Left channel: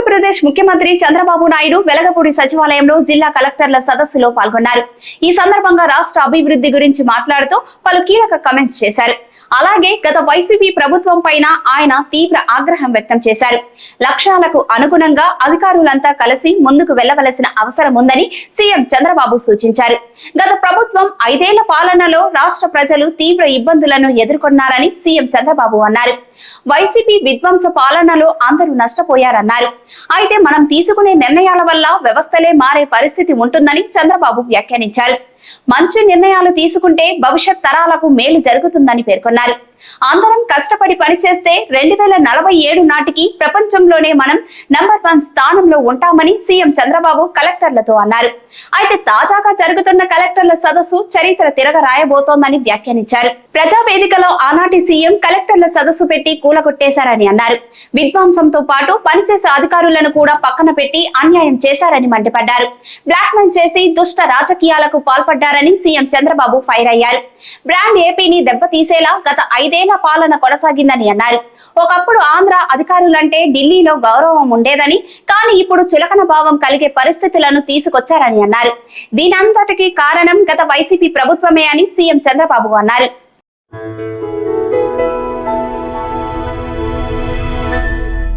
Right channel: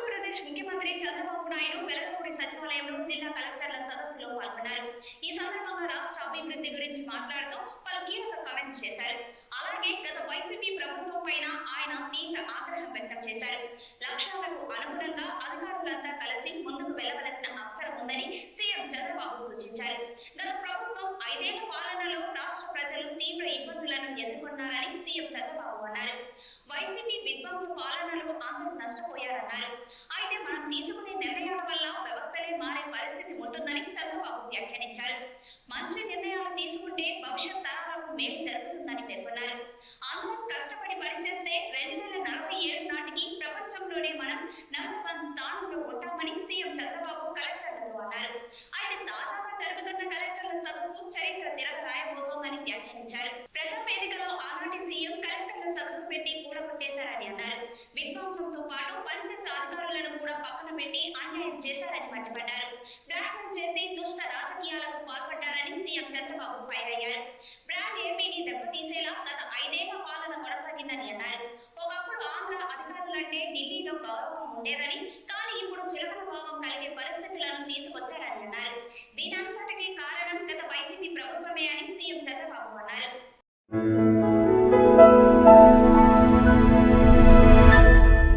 ఆంధ్రప్రదేశ్ ముఖ్యమంత్రి చంద్రబాబు నాయుడు వెలగపూడి సచివాలయంలో జిల్లా కలెక్టర్ల సదస్సులో పాల్గొన్నారు. ఈ సందర్భంగా రాష్ట్ర అభివృద్ధి గురించి మాట్లాడుతూ పలు కీలక కమెంట్స్ చేశారు. అలాగే గత వైసీపీ ప్రభుత్వం పైన ఆయన తీవ్ర ఆగ్రహం వ్యక్తం చేశారు. లక్ష్యాలకు అనుగుణంగా అధికారులంతా కలిసి ముందుకు వెళ్ళవలసిన అవసరం ఉందని సీఎం చంద్రబాబు సూచించారు. గత ప్రభుత్వం ఐదేళ్ళ పాలనలో రాష్ట్ర ప్రజలు తీవ్ర ఇబ్బందులను ఎదుర్కొన్నారని సీఎం చంద్రబాబు అన్నారు. వైసీపీ విధ్వంస పాలనలో అందరూ నష్టపోయారన్నారు. అయితే మనం తీసుకునే నిర్ణయాల వల్ల వ్యవస్థలే మారే పరిస్థితి ఉంటుందని చంద్రబాబు వ్యాఖ్యానించారు. మంచి నిర్ణయాలు తీసుకుంటే భవిష్యత్ తరాలకు మేలు జరుగుతుందని పేర్కొన్నారు. అందరం కష్టపడి పనిచేస్తే రెండు వేల నలభై ఏడు నాటికి ప్రపంచంలోనే మనం నంబర్ వన్ స్థానంలో ఉంటామని సీఎం చంద్రబాబు కలెక్టర్లతో అన్నారు. అయితే తాజాగా జరుగుతున్న కలెక్టర్ల సదస్సు చరిత్ర తిరగ రాయబోతోందని వ్యాఖ్యానించారు. ప్రజా వేదికలో ఆనాటి సీఎం కలెక్టర్ల సదస్సు పెట్టి కూలగొట్టేశారని అన్నారు. విధ్వంసంతో పాటు పనిచేసే అధికారులను కూడా పక్కన పెట్టి అన్యాయం చేశారని మండిపడ్డారు. బ్లాక్ మెయిల్ చేసి దుష్ట రాజకీయాలకు పాల్పడ్డారని సీఎం చంద్రబాబు ఫైర్ అయ్యారు. బ్రాండ్ ఏపీని దెబ్బతీసేలా గత ఐదేళ్ళ పాలన కొనసాగిందని అన్నారు. ఒకప్పుడు ఆంధ్ర అధికారులంటే ఢిల్లీలో గౌరవం ఉండేదని కానీ ఇప్పుడు చులకన భావం కలిగే పరిస్థితులను తీసుకొచ్చారని అన్నారు. దీనంతటికీ కారణం గత వైసీపీ ప్రభుత్వమే అని సీఎం చంద్రబాబు అన్నారు.